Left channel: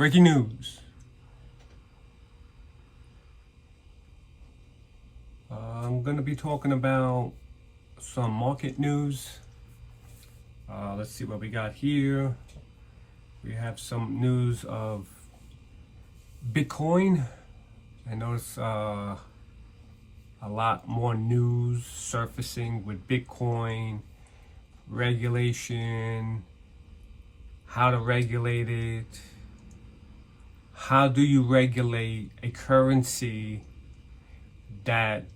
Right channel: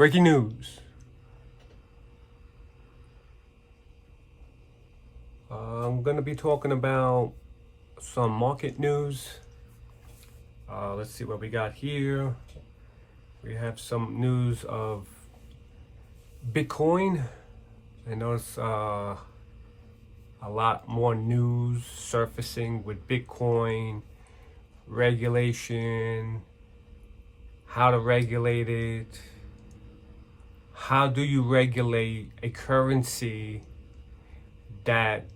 Breaking news. I'm going to be talking about some market news. Let's see what we got here. We have some news of Bitcoin. I notice a lot more news surfacing with Bitcoin, regulation, how to regulate it. How do you regulate a currency that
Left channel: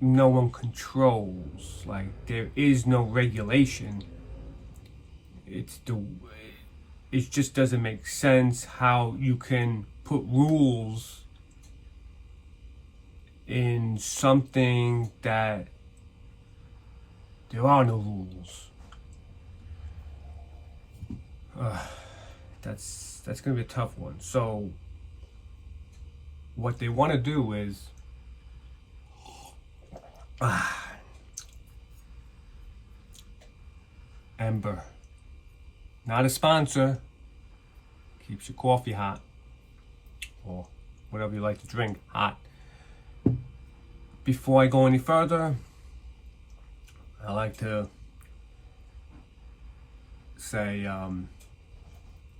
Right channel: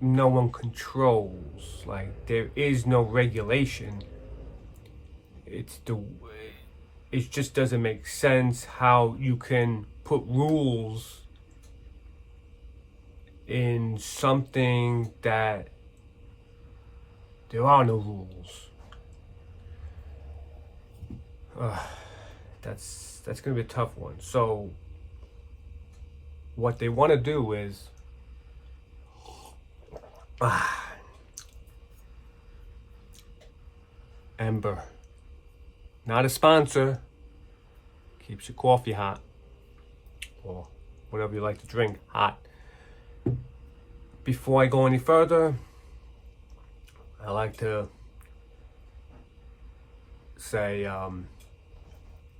no one controls? Like, there is no regulation. It just doesn't make sense how you can put rules in something that there are no rules. That's gonna be a tough one. So what they want to do is Ember, not a sponsor, keeps your coffee hot or whatever you like to drink hot. Before I go any further, I like to say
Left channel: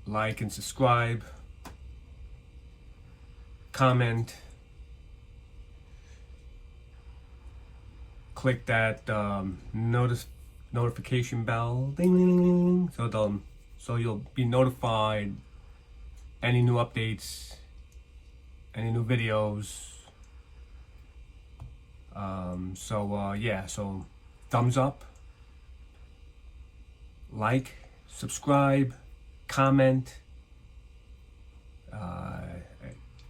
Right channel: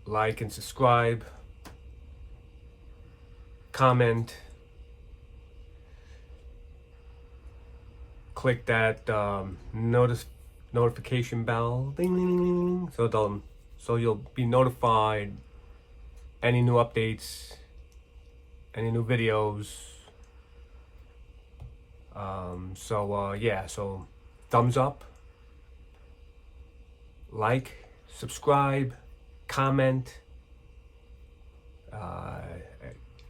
like and subscribe, comment, click that notification bell, ding, ding, ding, ding, so you'll be notified any new updates, any new videos. So thumbs up, like, subscribe, comment. I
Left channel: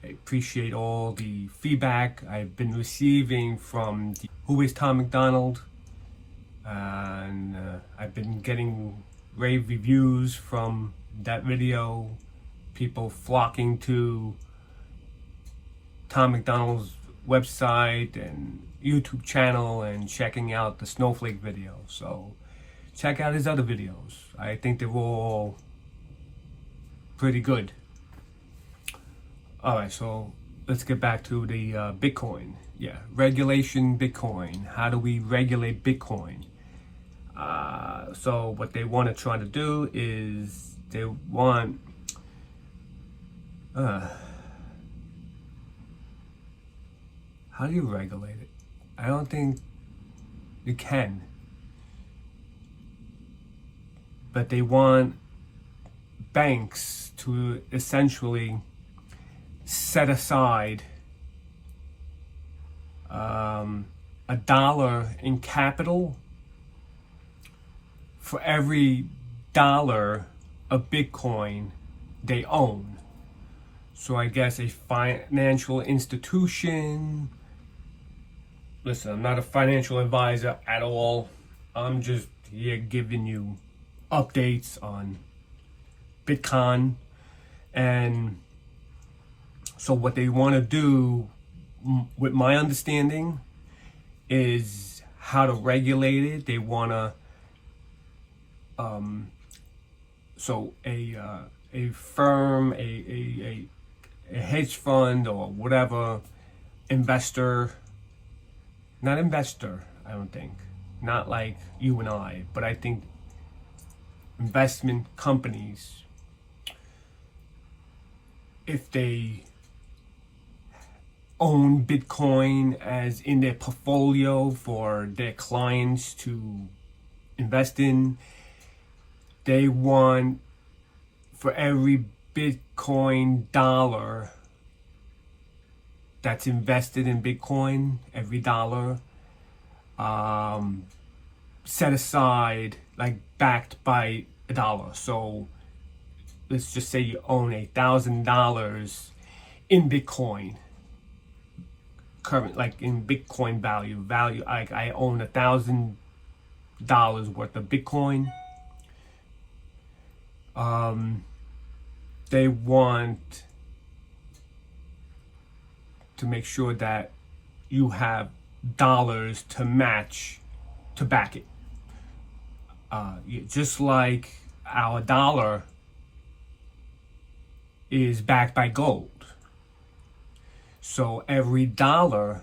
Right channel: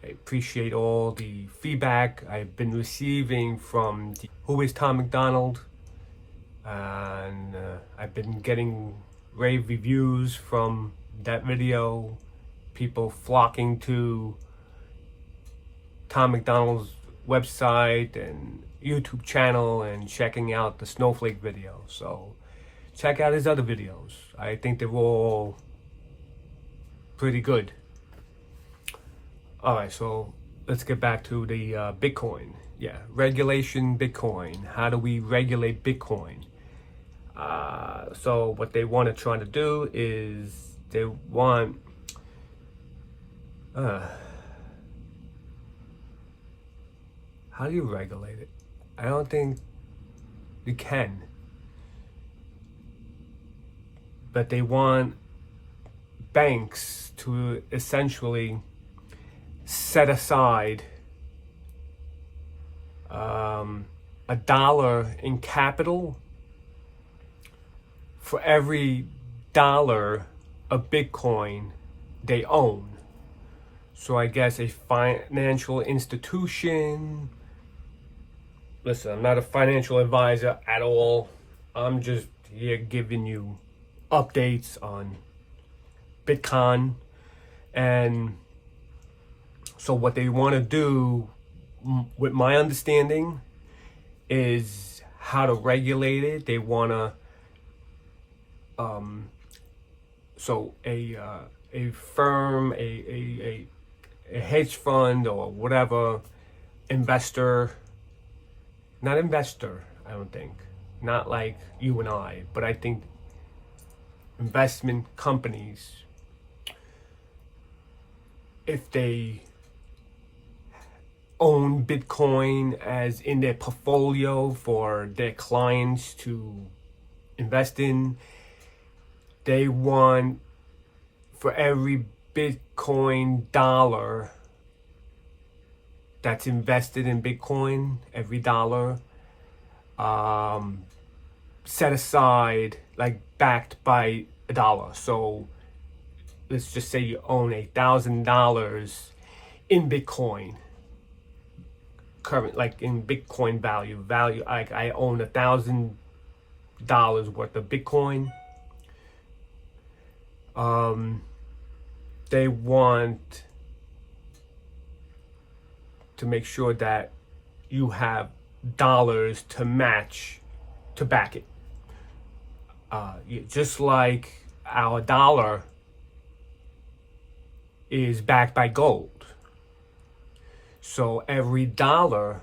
appreciate all the feedback I've been receiving from Who is Tom McDonald, and I've been getting rave reviews from that video, people flocking to Tom McDonald's website and YouTube channel and checking out the snowflake video. So check out his other videos. I think they're all pretty good. All right, so let's get back to the Bitcoin. Yeah, regulation Bitcoin. How do we regulate Bitcoin? So what they want to try to do is they want how do you regulate it? I don't think you can. But they want banks to essentially set aside $1 in capital for every dollar of Bitcoin they own. So I guess a financial institution. Listen, I'm not a financial advisor at all. I'm just here giving you updates on Bitcoin. And so what they want to do, with my understanding, is how to regulate it. They want to a firm, a hedge fund or whatever, not investor, I don't think, not like you and I, but I think investment companies, if they own Bitcoin as in their portfolio for their clients to invest in, they want for every Bitcoin dollar that's invested in Bitcoin, every dollar set aside, like backed by $1. So let's just say you own $1,000 in Bitcoin, current, like in Bitcoin value. Like I own $1,000 worth of Bitcoin. They want to make sure that you have dollars to match, to back it. Just like our dollar is backed by gold. So every dollar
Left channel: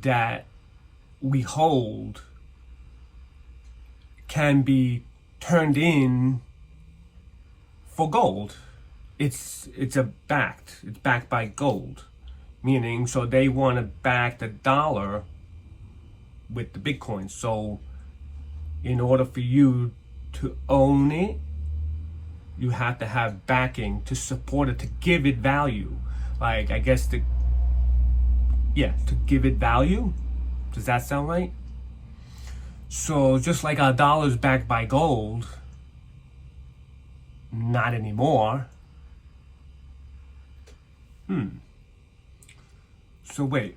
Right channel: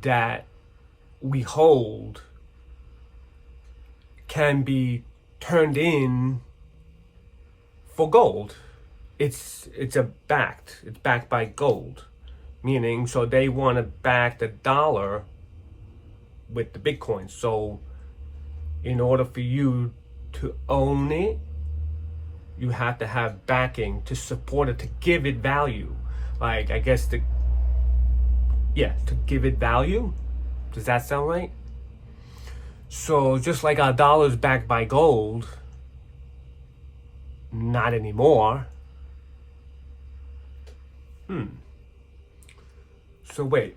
that we hold can be turned in for gold. It's backed by gold, meaning so they want to back the dollar with the Bitcoin. So in order for you to own it, you have to have backing to support it, to give it value. Like, I guess to give it value. Does that sound right? So just like our dollar is backed by gold, not anymore. So wait,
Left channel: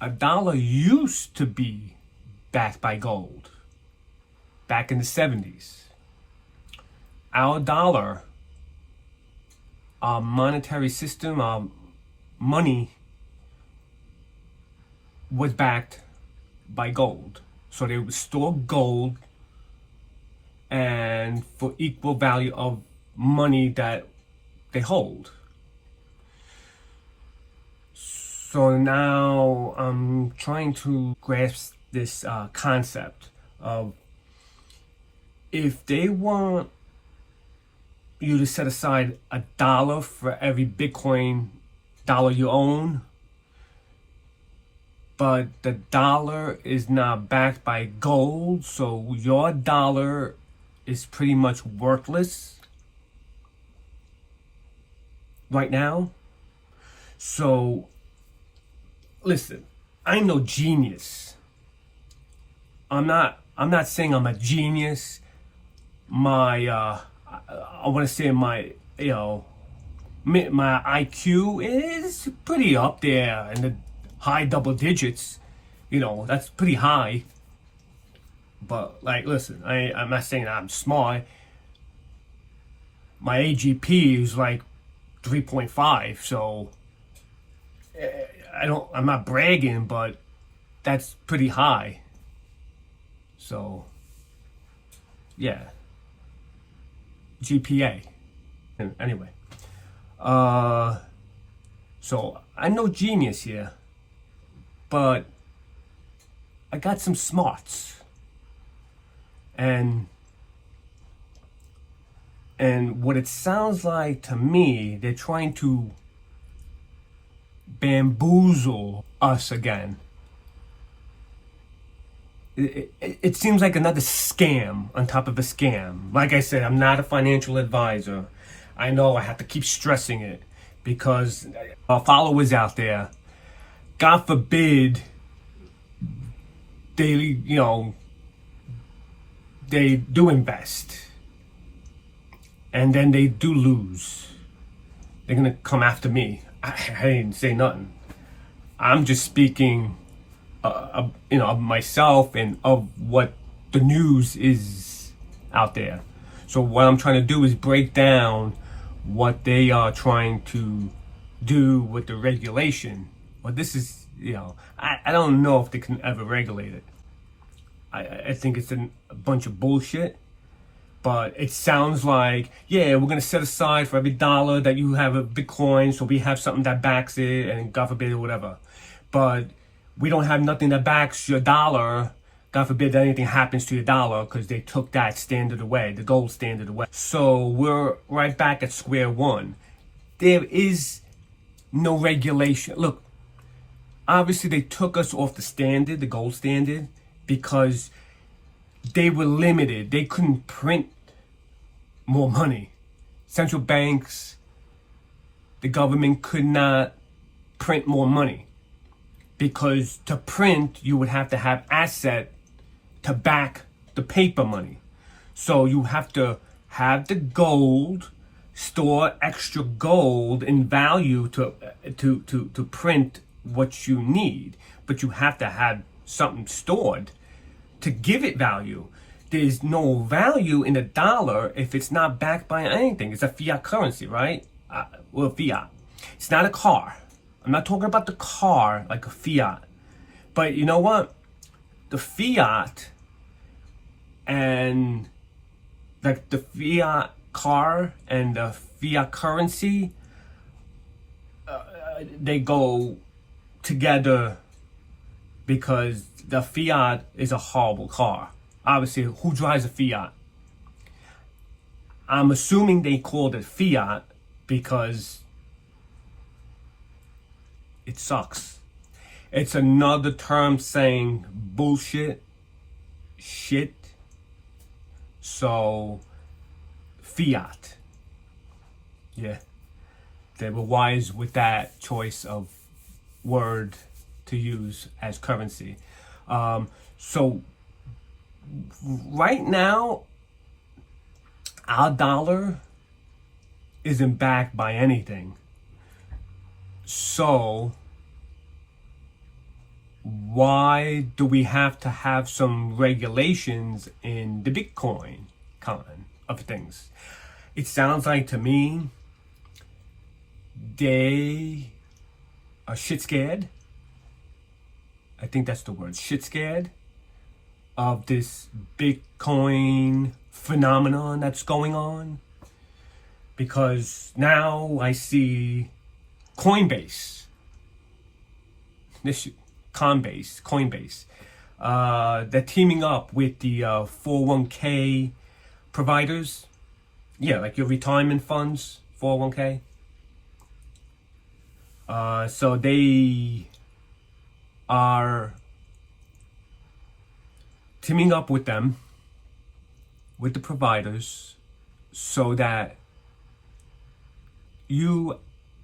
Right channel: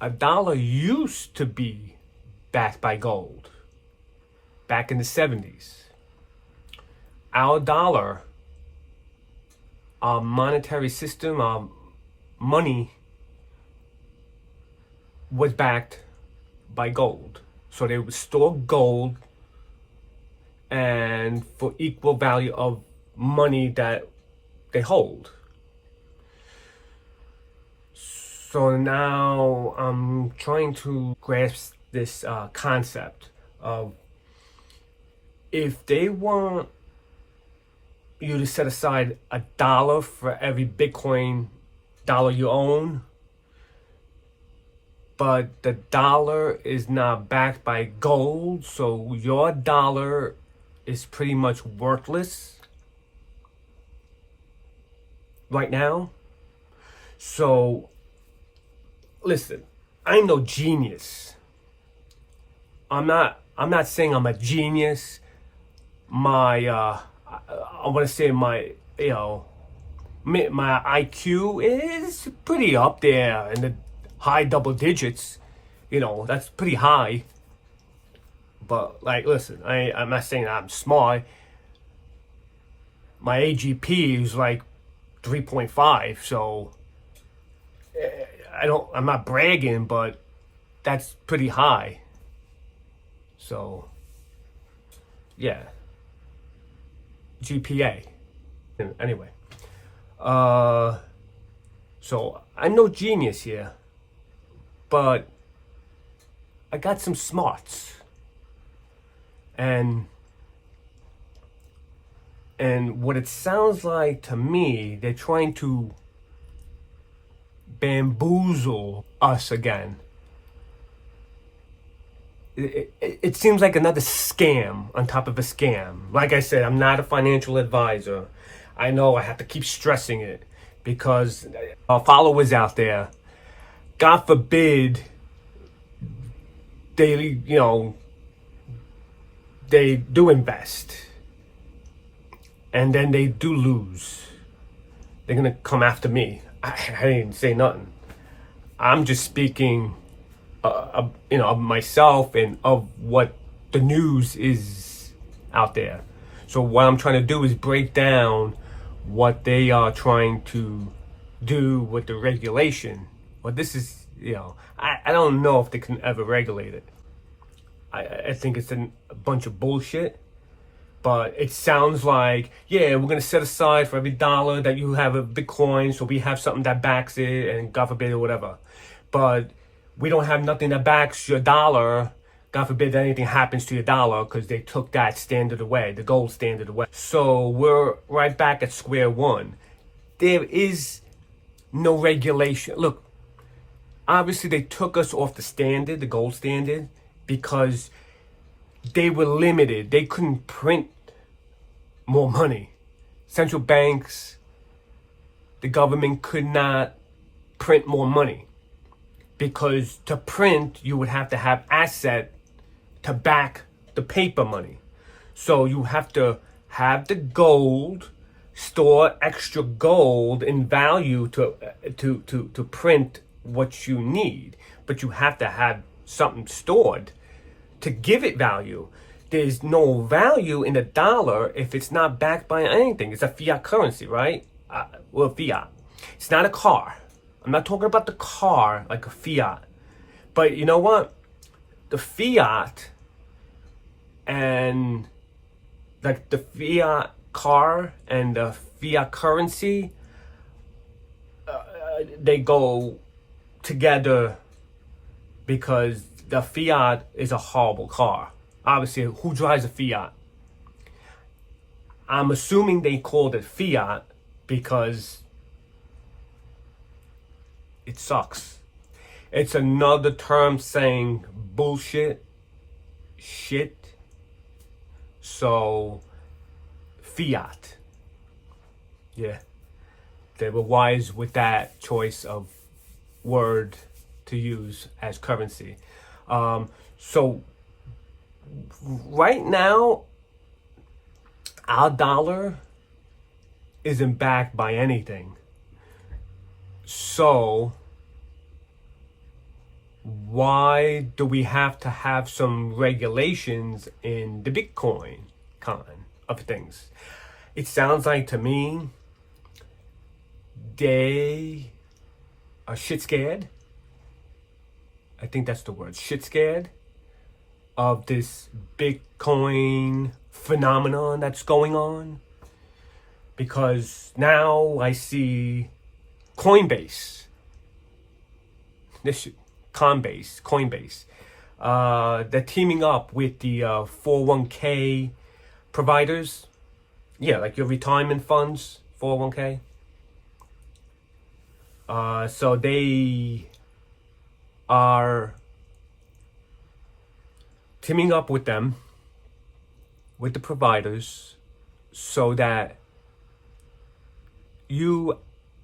a dollar used to be backed by gold back in the 70s. Our dollar, our monetary system, our money was backed by gold. So they would store gold and for equal value of money that they hold. So now I'm trying to grasp this concept of, if they want you to set aside $1 for every Bitcoin dollar you own, but the dollar is not backed by gold, so your dollar is pretty much worthless right now. So listen, I'm no genius. I'm not saying I'm a genius. I want to say my IQ is pretty up there in the high double digits. That's pretty high. But like, listen, I'm not saying that I'm smart. My AGP is like 3.5, so I'm not bragging, but that's pretty high. So yeah, GPA. Anyway, so I'm no genius here, but I got some smarts, and what it sounds like to me, they're trying to bamboozle us again. It seems like another scam on top of a scam. Like I said, I'm not a financial advisor. I know I have to keep stressing it because our followers out there, God forbid, they do invest and then they do lose. They're gonna come after me. I didn't say nothing. I'm just speaking of myself and of what the news is out there. So what I'm trying to do is break down what they are trying to do with the regulation. Well, this is, I don't know if they can ever regulate it. I think it's a bunch of bullshit. But it sounds like, yeah, we're going to set aside for every dollar that you have a Bitcoin, so we have something that backs it, and God forbid, or whatever. But we don't have nothing that backs your dollar. God forbid that anything happens to your dollar, because they took that standard away, the gold standard away. So we're right back at square one. There is no regulation. Look, obviously they took us off the standard, the gold standard, because they were limited. They couldn't print more money. Central banks, the government could not print more money, because to print, you would have to have asset to back the paper money. So you have to have the gold, store extra gold in value to print what you need. But you have to have something stored to give it value. There's no value in a dollar if it's not backed by anything. It's a fiat currency, right? Fiat. It's not a car. I'm not talking about the car like a Fiat. But you know what? The Fiat and like the Fiat car and the fiat currency, they go together because the Fiat is a horrible car. Obviously, who drives a Fiat? I'm assuming they called it Fiat because it sucks. It's another term saying bullshit, shit. So, Fiat. Yeah. They were wise with that choice of word to use as currency. So, right now, our dollar isn't backed by anything. So, why do we have to have some regulations in the Bitcoin kind of things? It sounds like to me they are shit scared. I think that's the word, shit scared of this Bitcoin phenomenon that's going on. Because now I see Coinbase, Coinbase, they're teaming up with the 401k providers. Yeah, like your retirement funds, 401k. So they are teaming up with them, with the providers, so that you,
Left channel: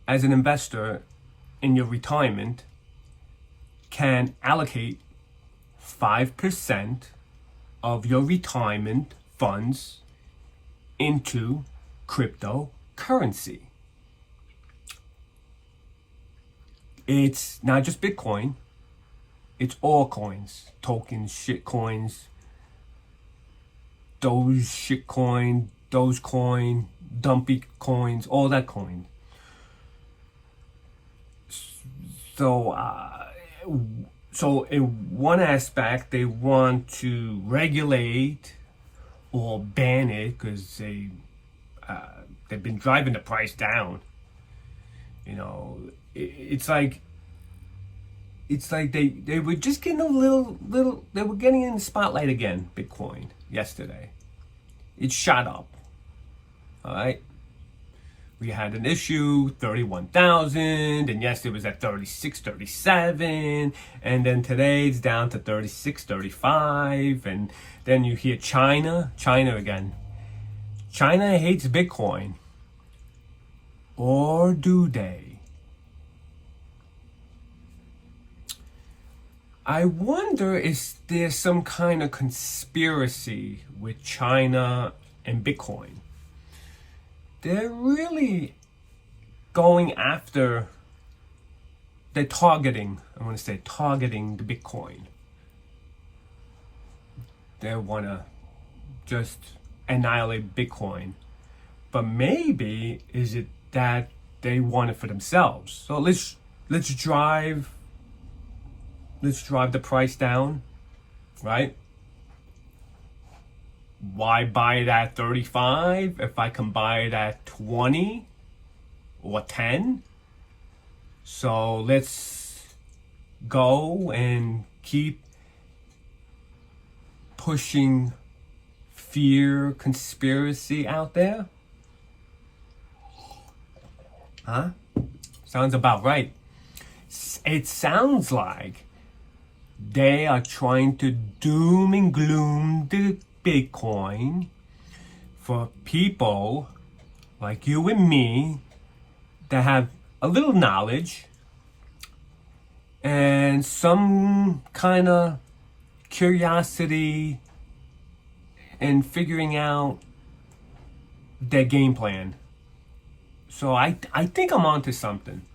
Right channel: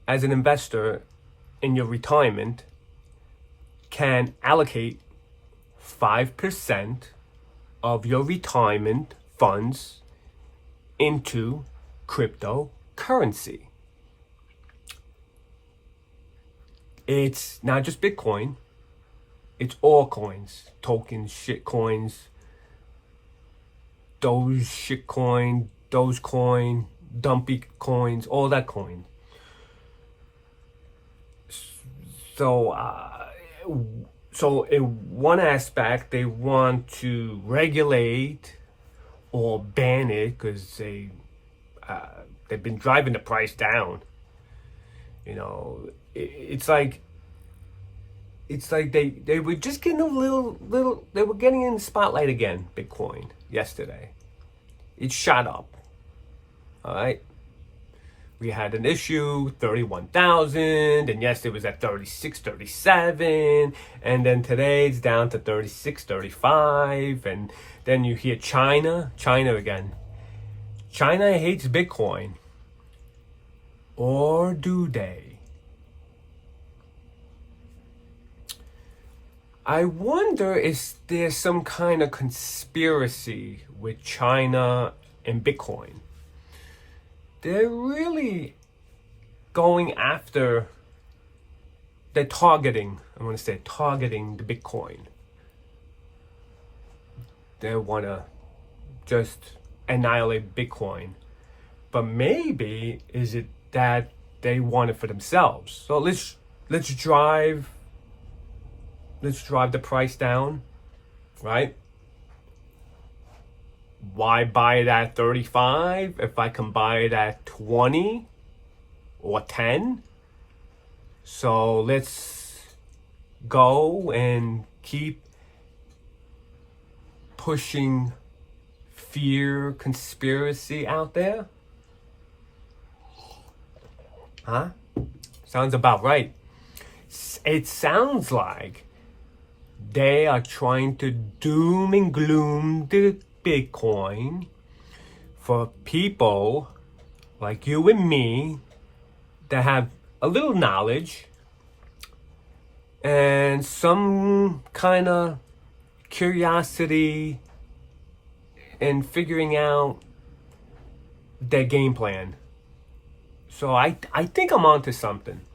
as an investor in your retirement, can allocate 5% of your retirement funds into cryptocurrency. It's not just Bitcoin, it's all coins, tokens, shit coins, Dogecoin, dumpy coins, all that coin. So in one aspect, they want to regulate or ban it because they've been driving the price down. You know, it's like they were just getting a little. They were getting in the spotlight again. Bitcoin yesterday, it shot up. All right. We had an issue, 31,000, and yes, it was at 36, 37, and then today it's down to 36, 35, and then you hear China again. China hates Bitcoin. Or do they? I wonder if there's some kind of conspiracy with China and Bitcoin. They're really going after, they're targeting the Bitcoin. They want to just annihilate Bitcoin. But maybe is it that they want it for themselves? So let's drive the price down, right? Why buy it at 35 if I can buy it at 20 or 10? So let's go and keep pushing fear, conspiracy out there. Huh? Sounds about right. It sounds like they are trying to doom and gloom the Bitcoin for people like you and me that have a little knowledge and some kind of curiosity in figuring out their game plan. So I think I'm onto something.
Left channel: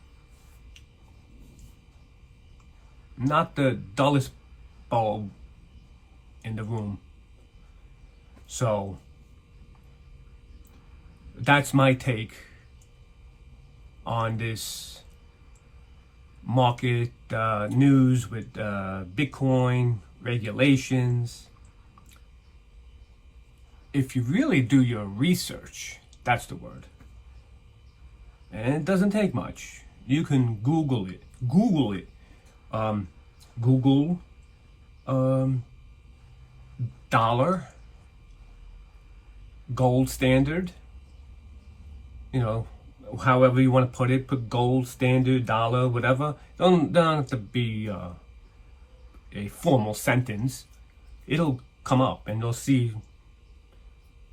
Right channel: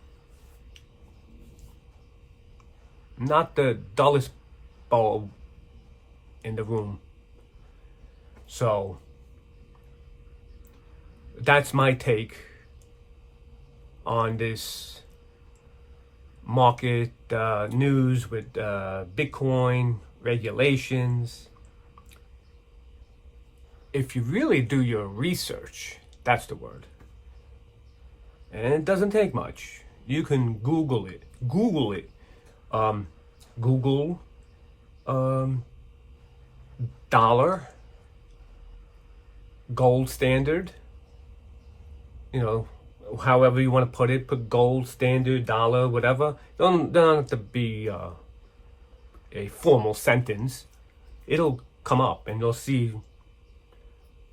Not the dullest bulb in the room. So that's my take on this market news with Bitcoin regulations. If you really do your research, That's the word. And it doesn't take much. You can Google it. Google it. Google dollar, gold standard. You know, however you want to put it. Put gold standard, dollar, whatever. Don't have to be a formal sentence. It'll come up and you'll see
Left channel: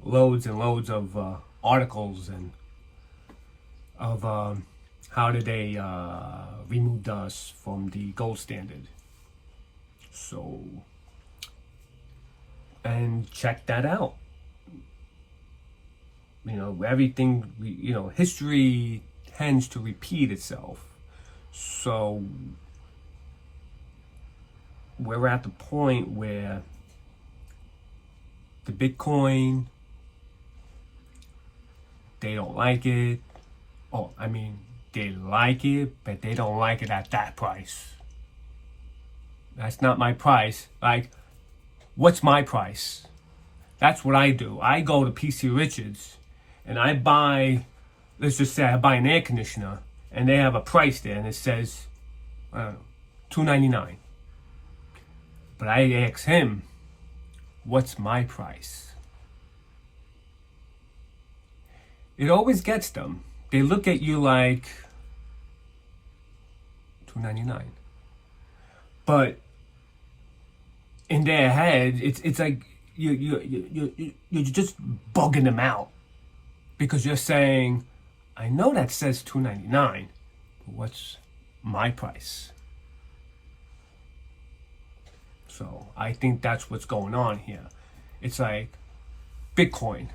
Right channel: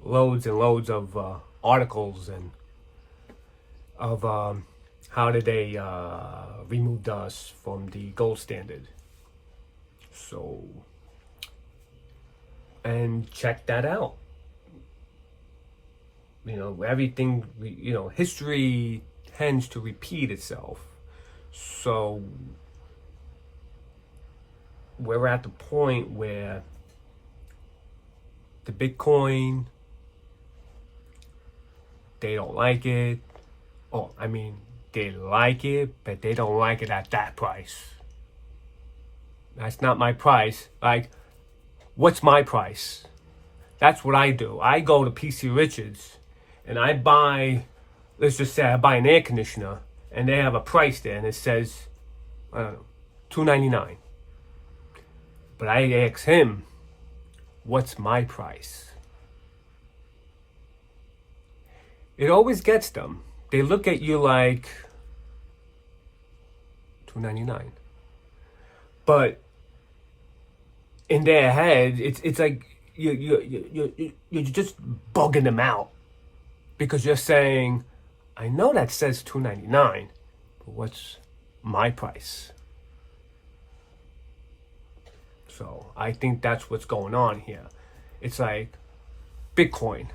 loads and loads of articles and of how did they remove us from the gold standard. So, and check that out. You know, everything, you know, history tends to repeat itself. So, we're at the point where the Bitcoin, they don't like it. Oh, I mean, they like it, but they don't like it at that price. That's not my price. Like, what's my price? That's what I do. I go to PC Richards and I buy, let's just say I buy an air conditioner and they have a price there and it says, I don't know, $299. But I ask him, what's my price? It always gets them. They look at you like $299. But in their head, it's like you're just bugging them out because you're saying, I know that says $299, but what's my price? So I think that's what's going on here. It's like Bitcoin.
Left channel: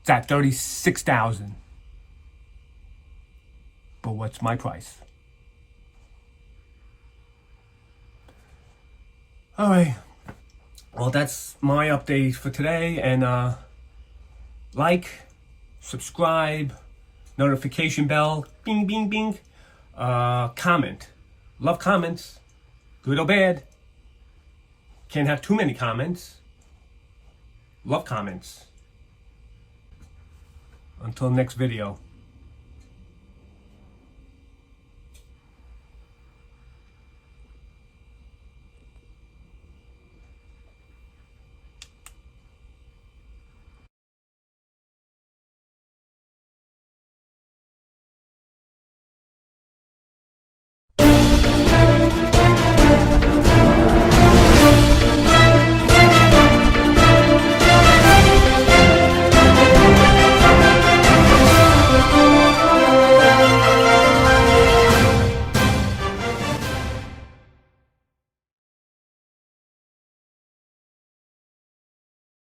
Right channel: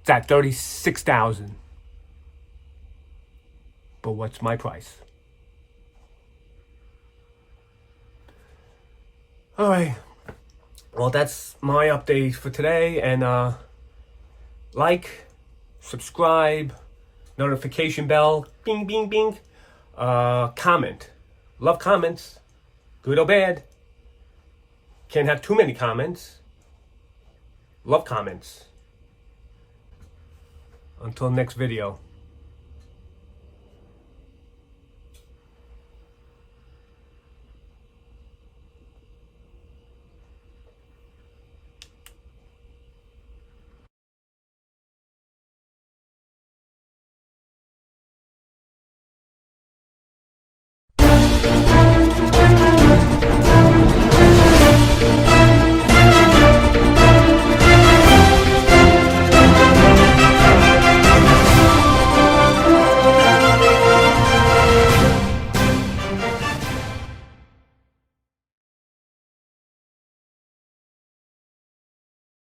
It's at 36,000. But what's my price? All right. Well, that's my update for today. And like, subscribe, notification bell, bing, bing, bing. Comment. Love comments. Good or bad. Can't have too many comments. Love comments. Until next video.